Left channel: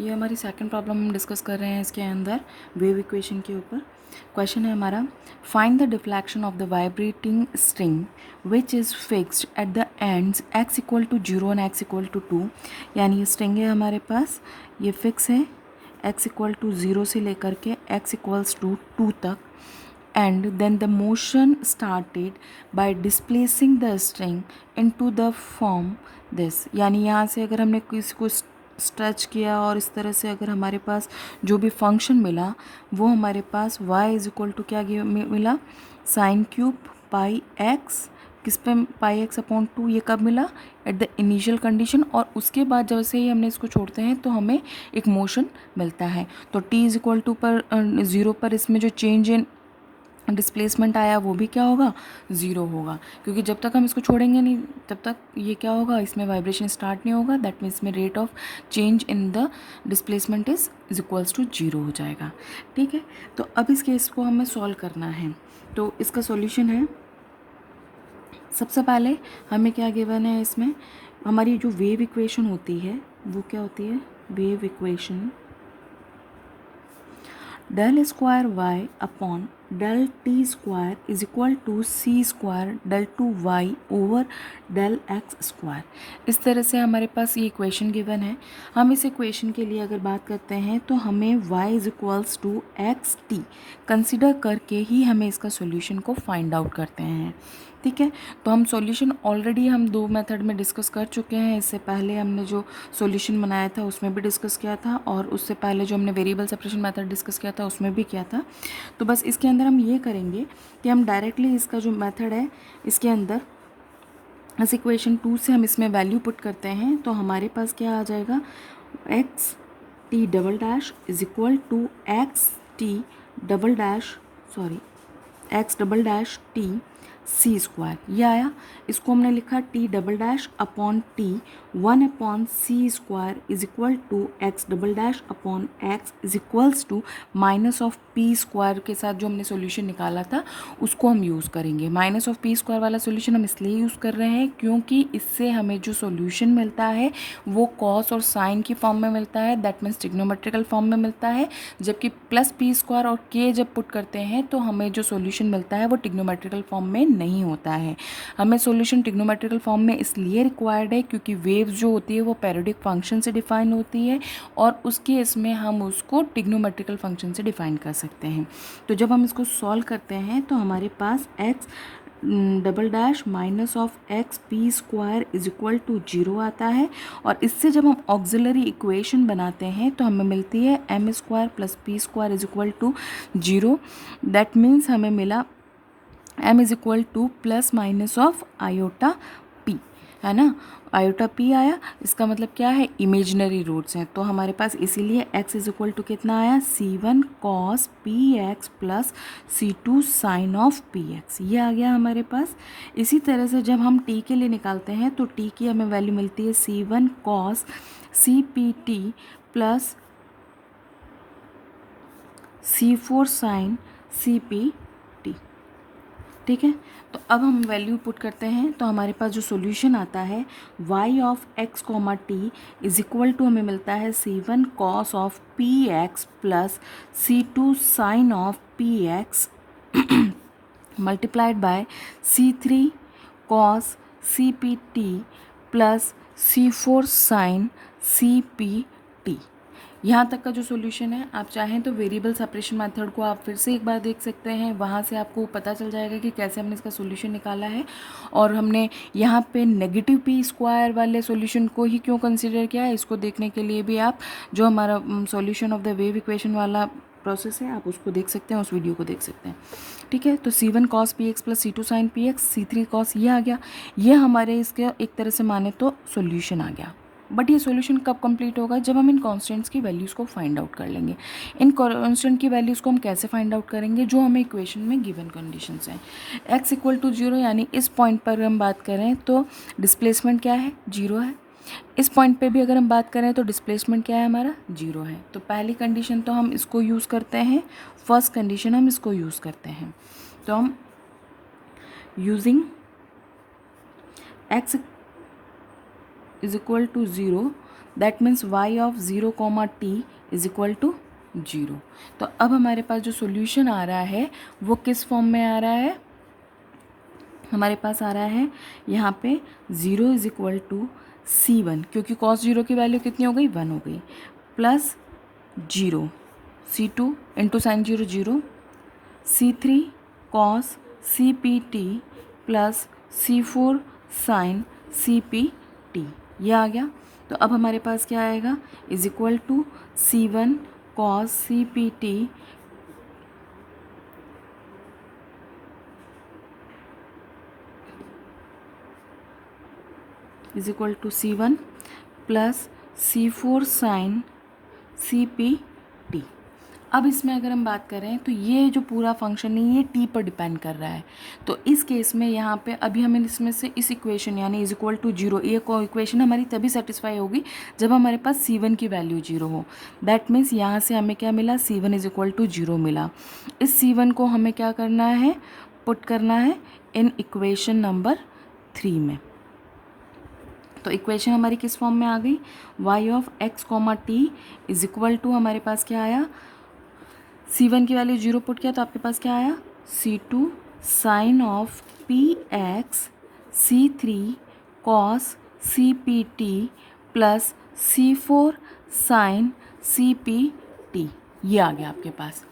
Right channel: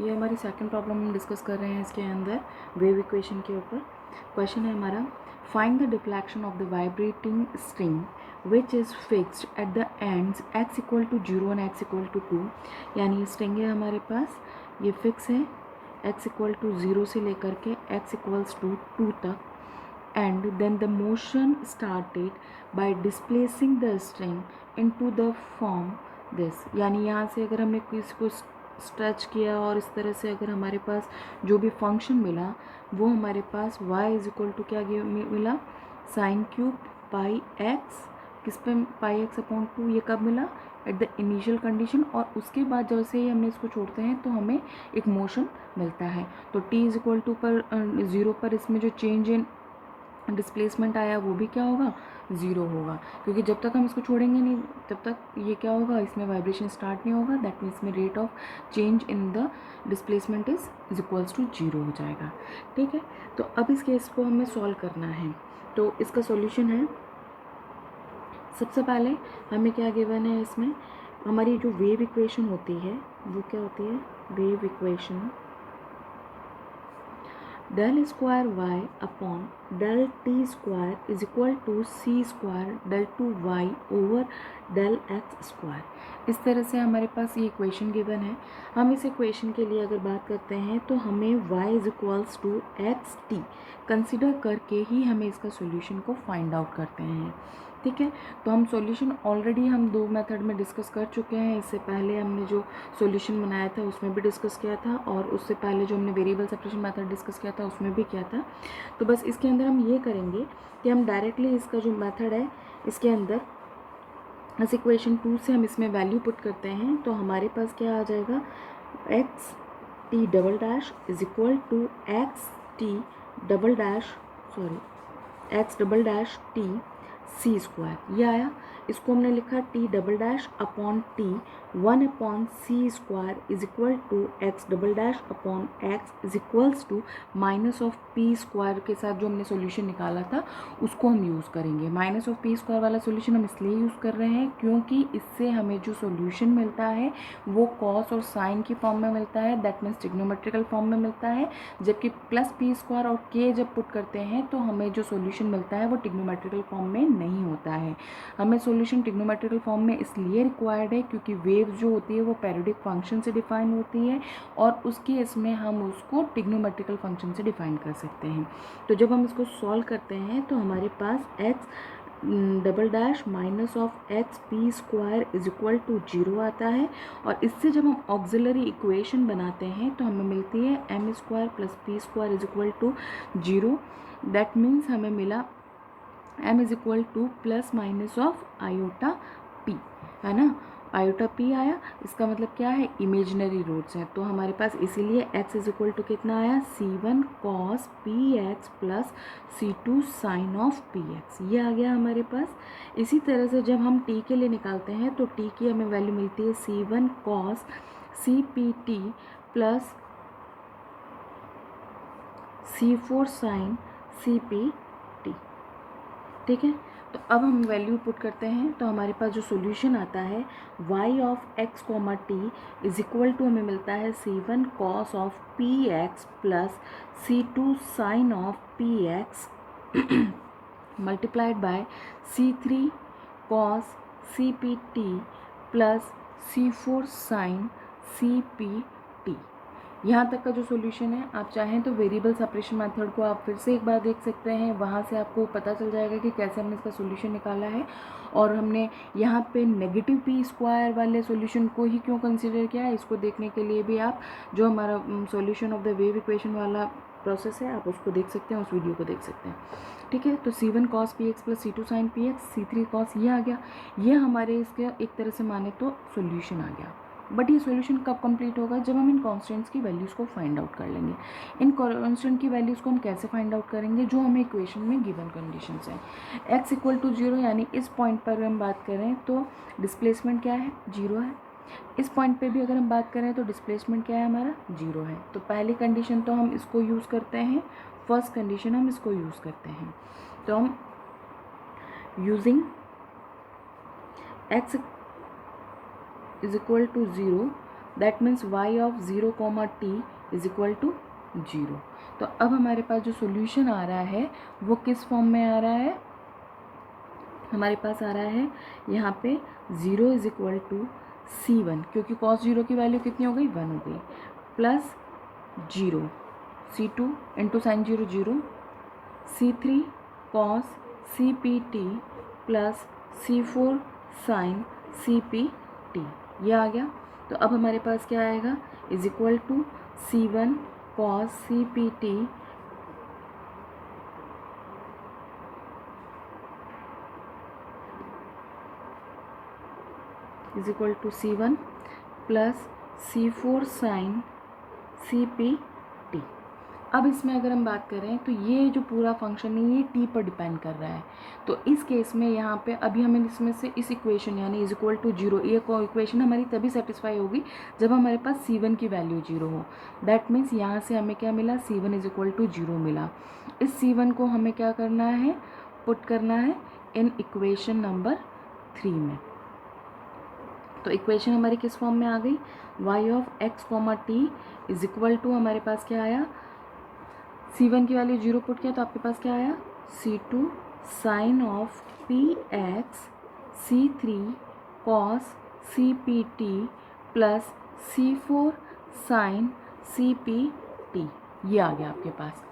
ये हमारी second problem हम डिस्कस कर रहे हैं इसके अंदर वेव इक्वेशन के ऊपर। क्वेश्चन है हमारा, find the deflection of the vibrating string which is fixed at the ends x equal to 0 and x equal to 2। यानी ये स्ट्रिंग है हमारे पास, ये फिक्स है x इक्वल टू 0 से लेकर के x इक्वल्स टू 2 तक। and then the motion started by displacing the string into the form this। यानी यहाँ से अगर हमने किसी को स्ट्रेच किया और इस तरह से अगर हमारे पास जो भी फंक्शन मिला वो हमारे पास y इज इक्वल टू क्या मिला, साइन क्यूब पाई एक्स, किस पे पाई एक्स अपॉन 2। ये कब मिला, एट द इनिशियल कंडीशन। और उसके बाद जैसे ही हमने इसको छोड़ते हैं तो हमें एक मोशन मिलता है। तो t इज इक्वल टू पर 0 पर इसमें जो चेंज इन डिस्प्लेसमेंट आया वो भी क्या होगा, ज़ीरो होगा, क्योंकि जब तक हम इसको छोड़ेंगे नहीं तब तक ये क्या होगा, इसमें वाइब्रेशन स्टार्ट नहीं होगा। दैट मीन्स में rate of change in the displacement is equals to 0 हो जाएगा। ठीक है, तो अब इस केस को हमें सॉल्व करना है। तो इसका सॉल्यूशन है, सबसे पहले हमें क्या गिवन है, इसमें हमारी जो वेव इक्वेशन होती है वो क्या होती है, wave equation del square y upon del t square is equal to c square del 2y over del x square। इस तरह से हमारे पास ये इक्वेशन गिवन है। हम इस इक्वेशन के लिए अगर बात करते हैं तो हमें y is equals to x t consider करके ही हमें इसका सॉल्यूशन को फाइंड आउट करते हैं। ठीक है, तो हम सॉल्यूशन ऑलरेडी हम दो मेथड में डिस्कस कर चुके हैं। इससे पहले हमने जो सॉल्यूशन बनाया था उसमें भी डिस्कस किया था, और उससे पहले जो हमने वेरिएबल सेपरेशन मेथड डिस्कस किया था उसमें भी किया था। तो बस इसके अंदर हम ये करेंगे कि हम डायरेक्टली इसका जो मेथड है इसके अंदर इस इक्वेशन 2 से हम इसमें वैल्यू पुट करते हैं। तो हमारे पास क्या आ जाएगा, x t double dash is equal to x t double dash x double dash t c square. ये आया, इसको हमने लिखा t double dash upon t 1 upon c square is equal to x double dash upon x is equals to minus of p square के साथ जो हमने solution निकाला था उसको हम यूज़ करेंगे। माइनस ऑफ पी स्क्वायर वाला सोल्यूशन हम इसलिए यूज़ कर रहे हैं क्योंकि इससे हमें जो सोल्यूशन मिलता है वो कॉस और साइन की फॉर्म में मिलता है, दैट मीन्स ट्रिग्नोमेट्रिकल फॉर्म में मिलता है। जबकि प्लस पी स्क्वायर और के जब पुट करते हैं तो हमें जो सोल्यूशन मिलता है वो ट्रिग्नोमेट्रिकल फॉर्म में नहीं होता है। हमें सॉल्यूशन ट्रिग्नोमेट्रिकल फॉर्म में इसलिए रिक्वायर्ड है क्योंकि वेव्स जो होती है वो पैरियोडिक फंक्शन से डिफाइन होती है, और उस केस में हम उसको ट्रिग्नोमेट्रिकल फंक्शन से डिफाइन कर सकते हैं। तो जब हम इसको सॉल्व करते हैं तो हमारे पास X double dash minus of X P square is equal to 0 आता है, और इससे जब हम ऑक्सिलरी इक्वेशन बनाते हैं तो हमें मिलती है m square plus p square is equal to 0। That means हमें मिला m is equal to plus minus of iota p, है ना, आयोटा p आया। इसका मतलब क्या है, इमेजनरी रूट्स हैं। तो हमारे पास इसीलिए x इज इक्वल टू कितना आया, c1 cos px plus c2 sine of px, ये आ गया हमारे पास। इसी तरह से जब हम t के लिए निकालते हैं तो t की हमें वैल्यू मिलती है c1 cos cpt plus c4 sine cp। ठीक है, तो अब हम वैल्यू पुट करते हैं तो हमारे पास जो सॉल्यूशन आता है y of x comma t is equal to हमें मिलता है c1 cos ऑफ px plus c2 sine of px multiplied by c3 cos cpt plus c4 sine cpt। यहाँ तक का जो सॉल्यूशन है, आप चाहें तो वेरिएबल सेपरेशन मेथड को आप फिर से एक बार देख सकते हैं, वहाँ से आपको पता चल जाएगा कि कैसे हमने इसका सॉल्यूशन निकाला है। और हमने यहाँ पे नेगेटिव पी स्क्वायर वाले सॉल्यूशन को ही क्यों कंसीडर किया है, इसको देखने के लिए भी आप जो हमारा solution of the wave equation वाला प्रोसेस है आप उसको देख सकते हैं, उस वीडियो को देख सकते हैं। ठीक है, तो c1 cos px plus c2 sine px, c3 cos ये आ गया। ये हमारे इसके एक तरह से माने तो सॉल्यूशन आ गया। बट ये सॉल्यूशन कब कंप्लीट होगा, जब हम इन कांस्टेंट्स की वैल्यूज़ को फाइंड आउट कर लेंगे। इन कांस्टेंट की वैल्यूज़ को हम कैसे फाइंड आउट करेंगे, जो हमें इक्वेशन में गिवन कंडीशंस हैं। x इक्वल टू 0 यानी इस पॉइंट पर हम बात करें तो डिस्प्लेसमेंट क्या है, 0 है। इस पॉइंट पे भी अगर हम बात करें तो डिस्प्लेसमेंट क्या है हमारा, 0 है। तो पहली कंडीशन तो हम इसको यूज़ करते हैं, फर्स्ट कंडीशन हम इसको यूज़ करते हैं। तो हम using x is equal to 0 that means y of 0, t is equal to 0। तो अब हमारे पास जो सोल्यूशन आ रहा है वो किस फॉर्म में आ रहा है, हमारे पास आ रहा है यहाँ पे 0 इज इक्वल टू C1, क्योंकि cos 0 की वैल्यू कितनी हो गई, 1 हो गई, plus 0 C2 into sine 0 0, C3 cos CPT plus C4 sine CPT, ये आ गया। तो अब हमारे पास क्या आएगा, is equal to C1 cos CPT is equal to C1 plus C4 sine CPT। अब इसमें अगर हम बात करें तो ये जो पूरा फंक्शन है ये टी पर डिपेंड कर रहा है। तो इस केस में यहाँ पे अभी हमें इसमें से इस इक्वेशन यानी इज इक्वल टू 0, ये इक्वेशन हमारी तभी सेटिस्फाई होगी जब हमारे पास C1 की वैल्यू 0 हो। दैट मीन्स यहाँ से हमें क्या मिला, C1 इज इक्वल टू 0 मिला। इस C1 को हमें क्या करना है, पुट करना है इन इक्वेशन नंबर 3 में। तो इक्वेशन हमारी किस फॉर्म में आ गई, y of x, t is equal to हमारे पास क्या आया, C1 की वैल्यू 0 पुट किया तो आपके पास क्या आया, C2 sine of px, C3 cos CPT plus C4 sine CPT, ये आ गया आपके पास।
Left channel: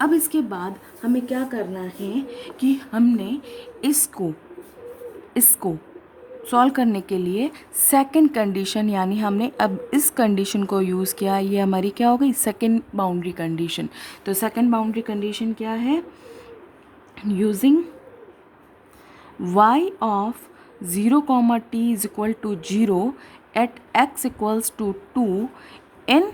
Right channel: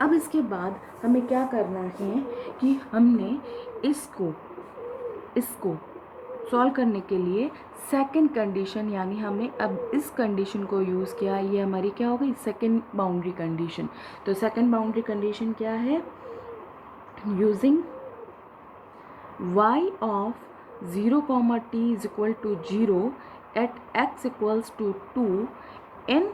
अब इसके बाद हमें क्या करना है कि हमने इसको सॉल्व करने के लिए सेकंड कंडीशन, यानी हमने अब इस कंडीशन को यूज़ किया, ये हमारी क्या हो गई, सेकंड बाउंड्री कंडीशन। तो सेकंड बाउंड्री कंडीशन क्या है, using y of 0, t is equal to 0 at x equals to 2 in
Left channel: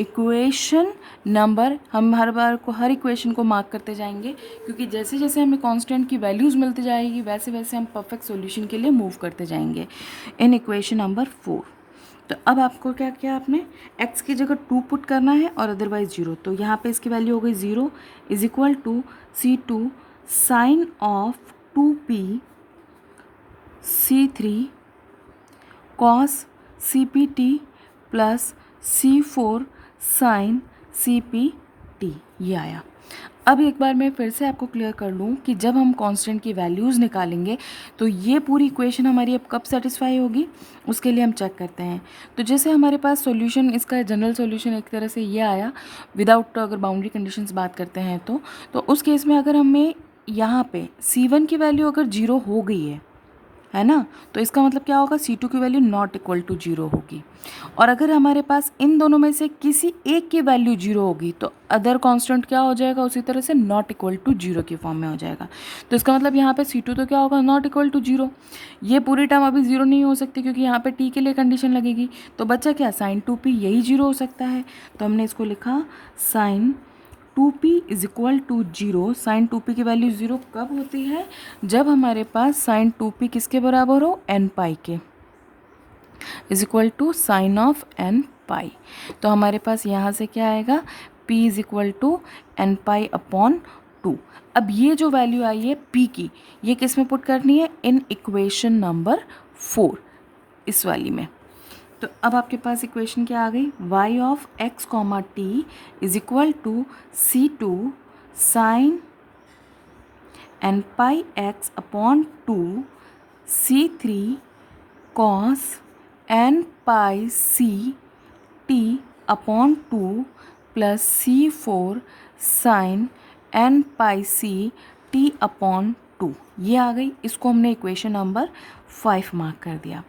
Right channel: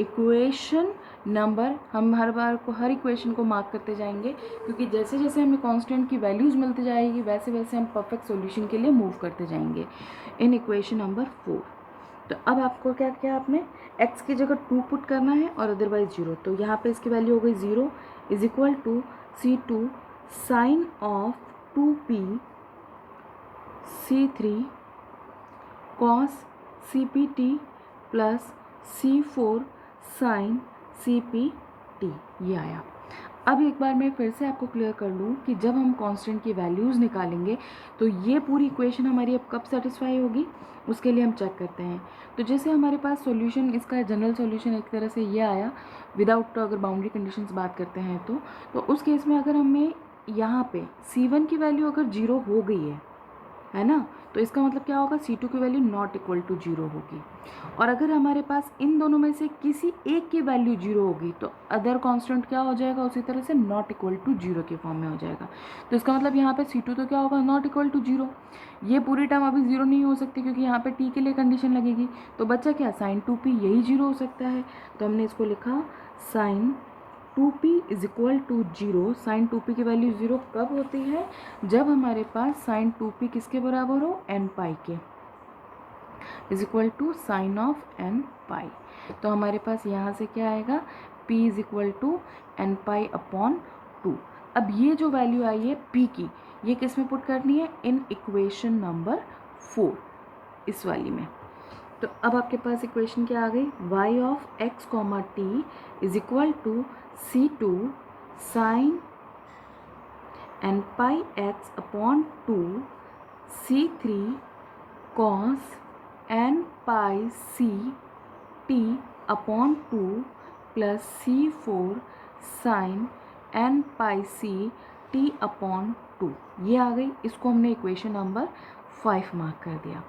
equation number, हम हर बार को हर इक्वेशन को मार्क करते जाएंगे, क्योंकि जैसे जैसे हमें कांस्टेंट की वैल्यूज़ मिलती जाएगी वैसे वैसे हम परफेक्ट सॉल्यूशन के लिए मूव करते जाएंगे इन इक्वेशन नंबर 4। तो अब आपको क्या किया, आपने x की जगह 2 पुट करना है और अदरवाइज 0। तो यहाँ पे इसकी वैल्यू हो गई 0 is equal to C2 sine of 2p C3 cos CPT plus C4 sine CPT, ये आया। अब एक बार मैं फिर से आपको क्लियर कर लूँ कि जब हम कांस्टेंट की वैल्यूज़ निकालेंगे तो ये पूरी इक्वेशन हमारी अब कब सेटिस्फाई होगी, उसके लिए हम चेक करते हैं। तो जैसे हमारे पास सॉल्यूशन, इसका जनरल सॉल्यूशन एक तरह से ये आया विदाउट, अगर बाउंड्री कंडीशंस बात करते हैं तो उस केस में अगर हमें यहाँ पे C1 की वैल्यू अगर 0 हो गई है ना, तो इसका मतलब क्या होगा, C2 की वैल्यू नॉट इक्वल टू 0 होगी। और अगर हमारे पास इन दोनों में से किसी एक की वैल्यू 0 होगी तो अदर कांस्टेंट क्या हो जाएगा, उसी तरह से नॉट इक्वल टू 0 की फॉर्म में हो जाएगा। तो इसका मतलब यहाँ पे C2 तो क्या होगा, नॉट इक्वल टू 0। ये पूरी टर्म अभी 0 नहीं हो सकती क्योंकि यहाँ पे t के लिए कंडीशन लगेगी। तो बच्चा क्या, साइन 2p यही 0 हो सकता है। तो हमने इसको लिखा sine 2p is equal to 0। Sine 2p की वैल्यू 0 कब होती है, जब हमारे पास साइन 2p किसके बराबर हो, n पाई के, is equal to sine of n pi. तो हमारे पास यहाँ से क्या आएगा, p is equal to n pi upon 2। अब ये जो वैल्यू आई है p की, ये किस में पुट करनी है, इन इक्वेशन नंबर 4, इस वाली में। तो अब आपके पास इक्वेशन क्या आ गई, y of x, t is equal to C2 sine n pi x upon 2 C3 cos n pi C t upon 2 plus C4 sine n pi C t upon 2, ये आ गई। इसको हमने इक्वेशन नंबर 5 मार्क कर दिया।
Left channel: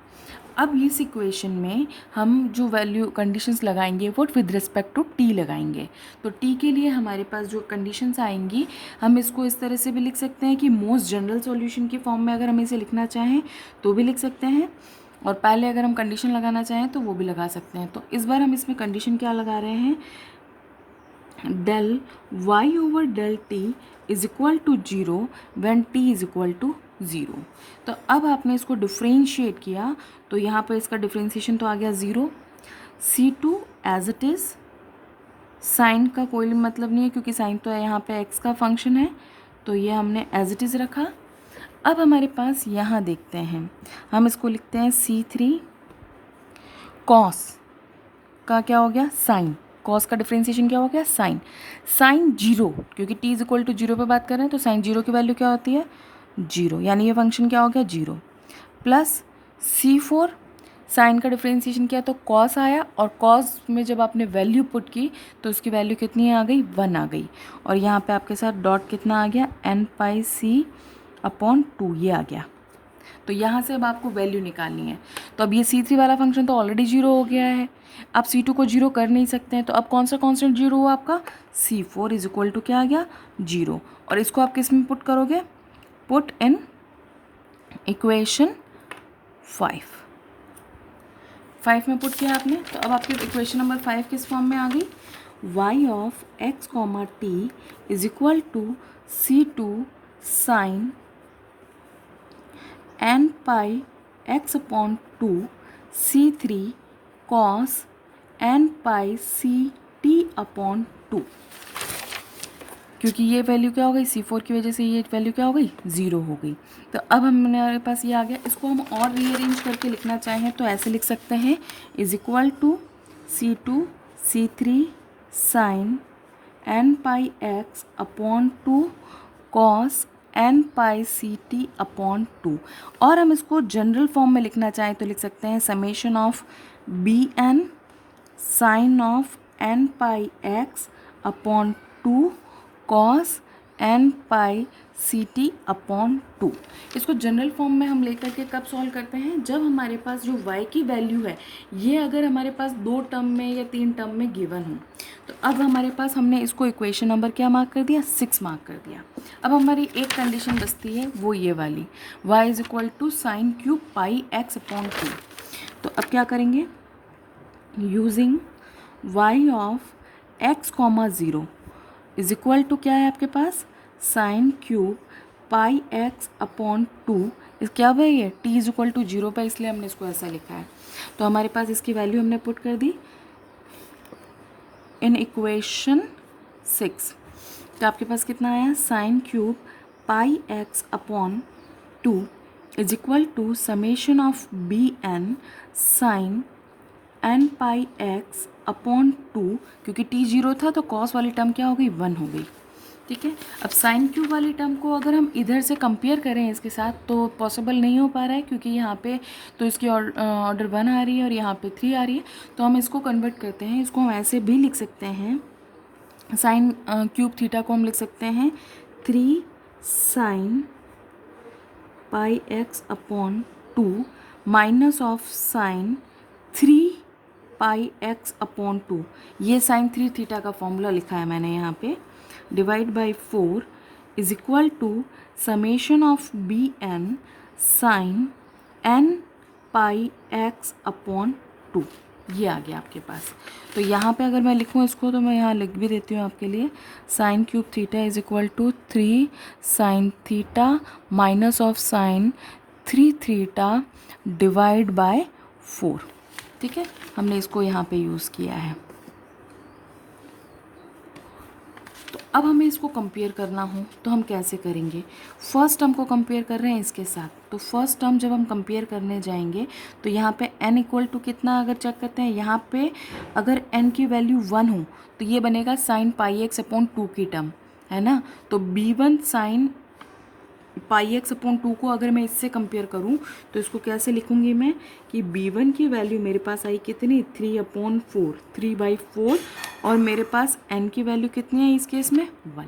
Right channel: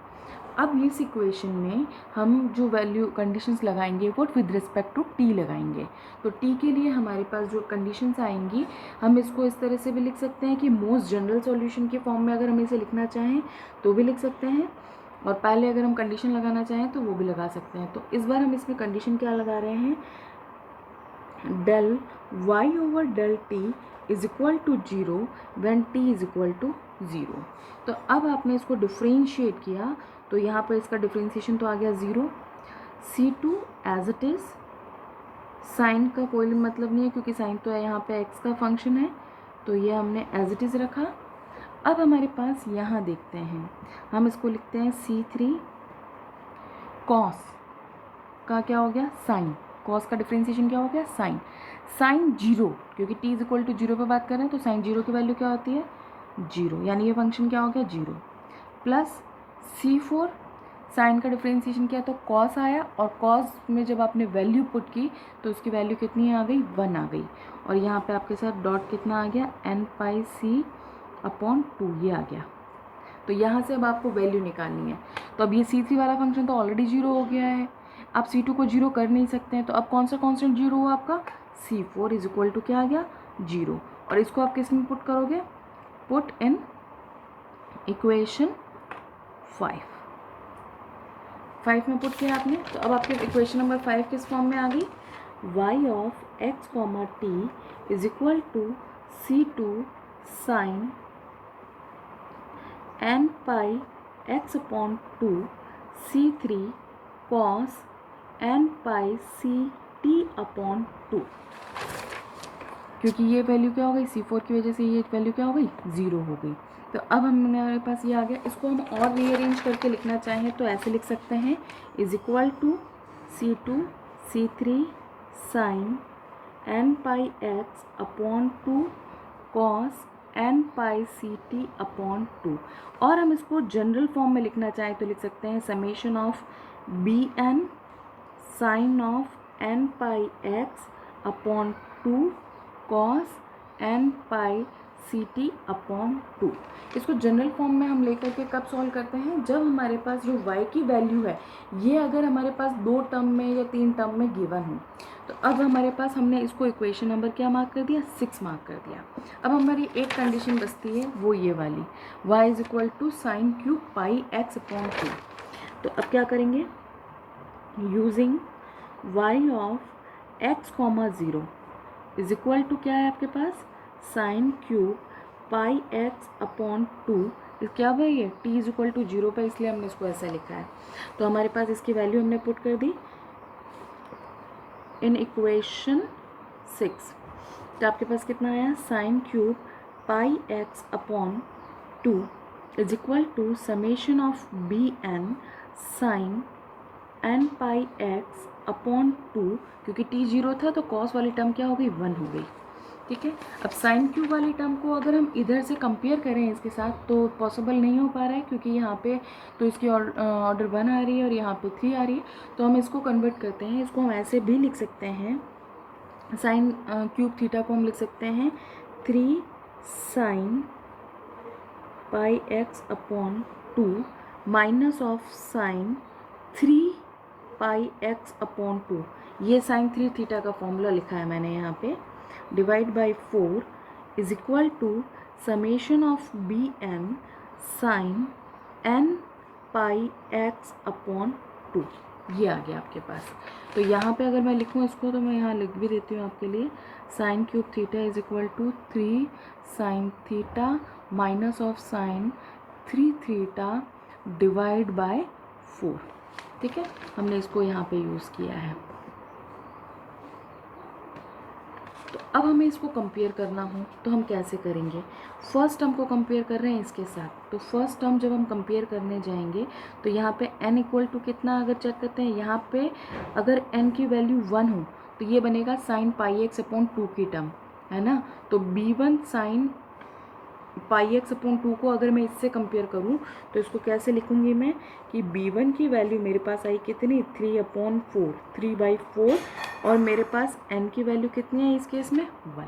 अब इस equation में हम जो वैल्यू कंडीशंस लगाएंगे वो विद रिस्पेक्ट टू t लगाएंगे। तो t के लिए हमारे पास जो कंडीशंस आएंगी, हम इसको इस तरह से भी लिख सकते हैं कि मोस्ट जनरल सॉल्यूशन के फॉर्म में अगर हम इसे लिखना चाहें तो भी लिख सकते हैं, और पहले अगर हम कंडीशन लगाना चाहें तो वो भी लगा सकते हैं। तो इस बार हम इसमें कंडीशन क्या लगा रहे हैं, del y over del t is equal to 0 when t is equal to 0। तो अब आपने इसको डिफ्रेंशिएट किया तो यहाँ पर इसका डिफ्रेंशिएशन तो आ गया 0, C2 as it is, sign का कोई मतलब नहीं है क्योंकि साइन तो यहाँ पे x का फंक्शन है, तो ये हमने एज इट इज़ रखा। अब हमारे पास यहाँ देखते हैं, हम इसको लिखते हैं C3 cos का क्या हो गया साइन, कॉस का डिफ्रेंसिएशन क्या हो गया साइन, साइन जीरो, क्योंकि t is equal to zero पर बात कर रहे हैं तो साइन जीरो की वैल्यू क्या होती है जीरो, यानी ये फंक्शन क्या हो गया जीरो, प्लस C4 साइन का डिफ्रेंसिएशन किया तो कॉस आया, और कॉस में जब आपने वैल्यू पुट की तो उसकी वैल्यू कितनी आ गई 1 आ गई, और यहाँ पे आपके साथ डॉट कितना आ गया n πc/2 ये आ गया। तो यहाँ से अब आपको वैल्यू निकालनी है, तो अब ये C3 वाला फंक्शन तो ऑलरेडी जीरो हो गया है, आप C2 को जीरो कर नहीं सकते हैं, तो अब कौन सा कॉन्स्टेंट जीरो हुआ आपका C4 इज इक्वल टू क्या आ गया जीरो, और इसको आप किस में पुट करोगे, पुट इन इक्वेशन 5 में पुट किया आपने, तो अब आपके इक्वेशन नंबर 5 किस फॉर्म में आ गई, y of x comma t is equal to C2 sine n pi x/2 C3 cos n pi CT/2, क्योंकि ये वैल्यू क्या हो गई C4 की वजह से ये वैल्यू क्या हो गई ज़ीरो हो गई। तो अब हमारे पास ये आ गया, इसको हम और रीअरेंज करके लिखना चाहें तो ऐसे लिख सकते हैं is equal to C2 C3 sine n pi x/2 cos n pi CT/2, और हम इसको जनरल फॉर्म में लिखना चाहें तो लिख सकते हैं summation of bn sine of n pi x/2 cos n pi CT/2। इसको जनरल फॉर्म में हम लेकर के कब सॉल्व करते हैं, जब हमारे पास जो y की वैल्यू है ये अगर हमारे पास 2 टर्म में या 3 टर्म में गिवन हो, तो अब हमारे पास हमने इसको इक्वेशन नंबर क्या मार्क कर दिया 6 मार्क कर दिया। अब हमारी एक कंडीशन बचती है वो ये वाली y is equal to sine cube pi x/2। तो अब क्या करेंगे, using y of x comma 0 is equal to क्या है आपके पास साइन क्यूब पाई x/2, क्या हुआ ये t इज इक्वल टू 0 पर, इसलिए हमने इसको ऐसा लिखा है। तो हमारे पास इसकी वैल्यू हमने पुट कर दी इन इक्वेशन 6, तो आपके पास कितना आया sine cube pi x/2 is equal to summation of bn sine n pi x/2, क्योंकि t 0 था तो कॉस वाली टर्म क्या हो गई 1 हो गई, ठीक है। अब साइन क्यूब वाली टर्म को अगर हम इधर से कंपेयर करें इसके साथ तो पॉसिबल नहीं हो पा रहा है, क्योंकि यहाँ पे तो इसकी ऑर्डर 1 आ रही है और यहाँ पे 3 आ रही है, तो हम इसको कन्वर्ट करते हैं, इसको हम ऐसे भी लिख सकते हैं, साइन क्यूब थीटा को हम लिख सकते हैं 3 sine pi x/2 minus of sine 3 pi x/2, ये साइन 3 थीटा का फॉर्मूला लिखा है मैंने यहाँ पे, divide by 4 is equal to summation of bn sine n pi x/2, ये आ गया आपके पास। तो यहाँ पे अगर मैं लिखूँ इसको तो मैं यहाँ लिख भी देती हूँ आपके लिए, sine cube theta is equal to 3 sine theta minus of sine 3 theta divide by 4, ठीक है। हमने इसको यहाँ पे यूज़ किया है। तो अब हमें इसको कंपेयर करना हो तो हम कैसे करेंगे, फर्स्ट टर्म को कंपेयर कर रहे हैं इसके साथ, तो फर्स्ट टर्म जब हम कंपेयर करने जाएंगे तो यहाँ पे n इक्वल टू कितना अगर चेक करते हैं, यहाँ पे अगर n की वैल्यू 1 हो तो ये बनेगा साइन पाई x/2 की टर्म, है ना। तो b1 साइन पाई x/2 को अगर मैं इससे कंपेयर करूं तो इसको कैसे लिखूंगी मैं कि b1 की वैल्यू मेरे पास आई कितनी 3/4, 3/4, और मेरे पास n की वैल्यू कितनी है इस केस में 1।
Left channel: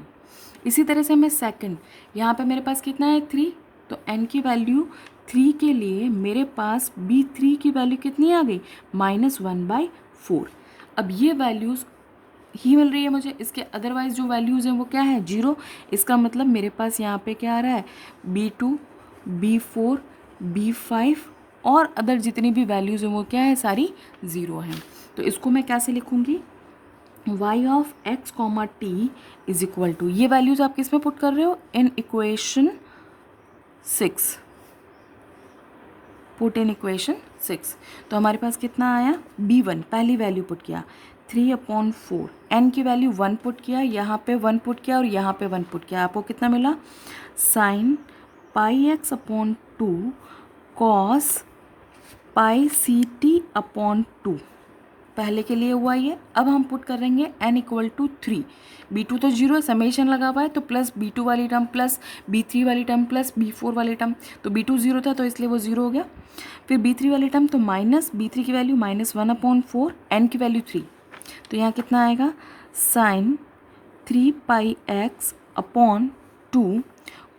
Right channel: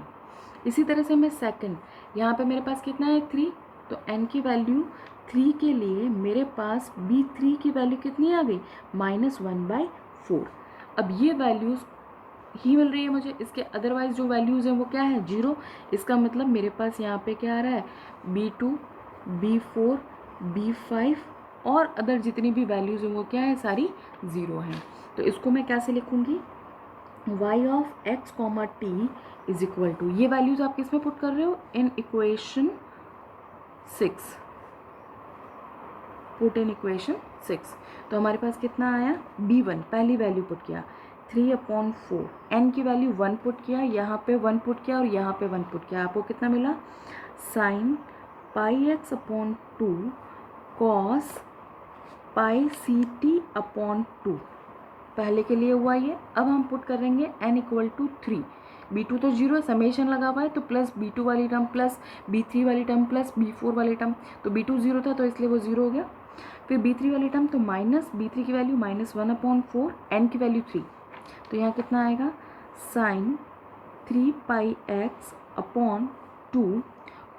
इसी तरह से मैं सेकंड, यहाँ पे मेरे पास कितना है 3, तो n की वैल्यू 3 के लिए मेरे पास b3 की वैल्यू कितनी आ गई -1/4। अब ये वैल्यूज़ ही मिल रही है मुझे, इसके अदरवाइज जो वैल्यूज़ हैं वो क्या है 0, इसका मतलब मेरे पास यहाँ पे क्या आ रहा है b2 b4 b5 और अदर जितनी भी वैल्यूज़ हैं वो क्या है सारी 0 हैं। तो इसको मैं कैसे लिखूँगी, y of x comma t is equal to, ये वैल्यूज़ आप किस में पुट कर रहे हो in equation 6, put in equation 6। तो हमारे पास कितना आया b1 पहली वैल्यू पुट किया 3/4, n की वैल्यू 1 पुट किया, यहाँ पे 1 पुट किया और यहाँ पे 1 पुट किया, आपको कितना मिला sine pi x/2 cos pi CT/2, पहले के लिए हुआ ये। अब हम पुट करेंगे n इक्वल टू 3, b2 तो 0 है, समेशन लगा हुआ है, तो प्लस b2 वाली टर्म प्लस b3 वाली टर्म प्लस b4 वाली टर्म, तो b2 0 था तो इसलिए वो 0 हो गया। फिर b3 वाली टर्म तो माइनस b3 की वैल्यू -1/4, n की वैल्यू 3, तो यहाँ कितना आएगा sine 3 pi x upon 2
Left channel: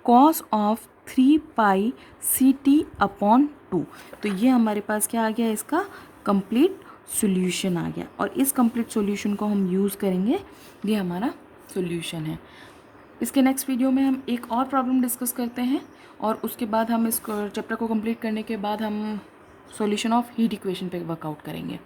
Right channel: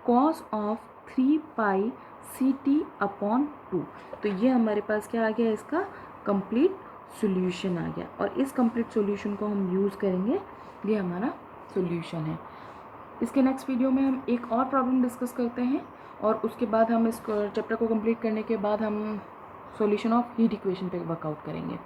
cos of 3 pi c t upon 2। तो ये हमारे पास क्या आ गया, इसका कंप्लीट सॉल्यूशन आ गया, और इस कंप्लीट सॉल्यूशन को हम यूज़ करेंगे, ये हमारा सॉल्यूशन है। इसके नेक्स्ट वीडियो में हम एक और प्रॉब्लम डिस्कस करते हैं, और उसके बाद हम इस चैप्टर को कंप्लीट करने के बाद हम सॉल्यूशन ऑफ हीट इक्वेशन पे वर्कआउट करेंगे।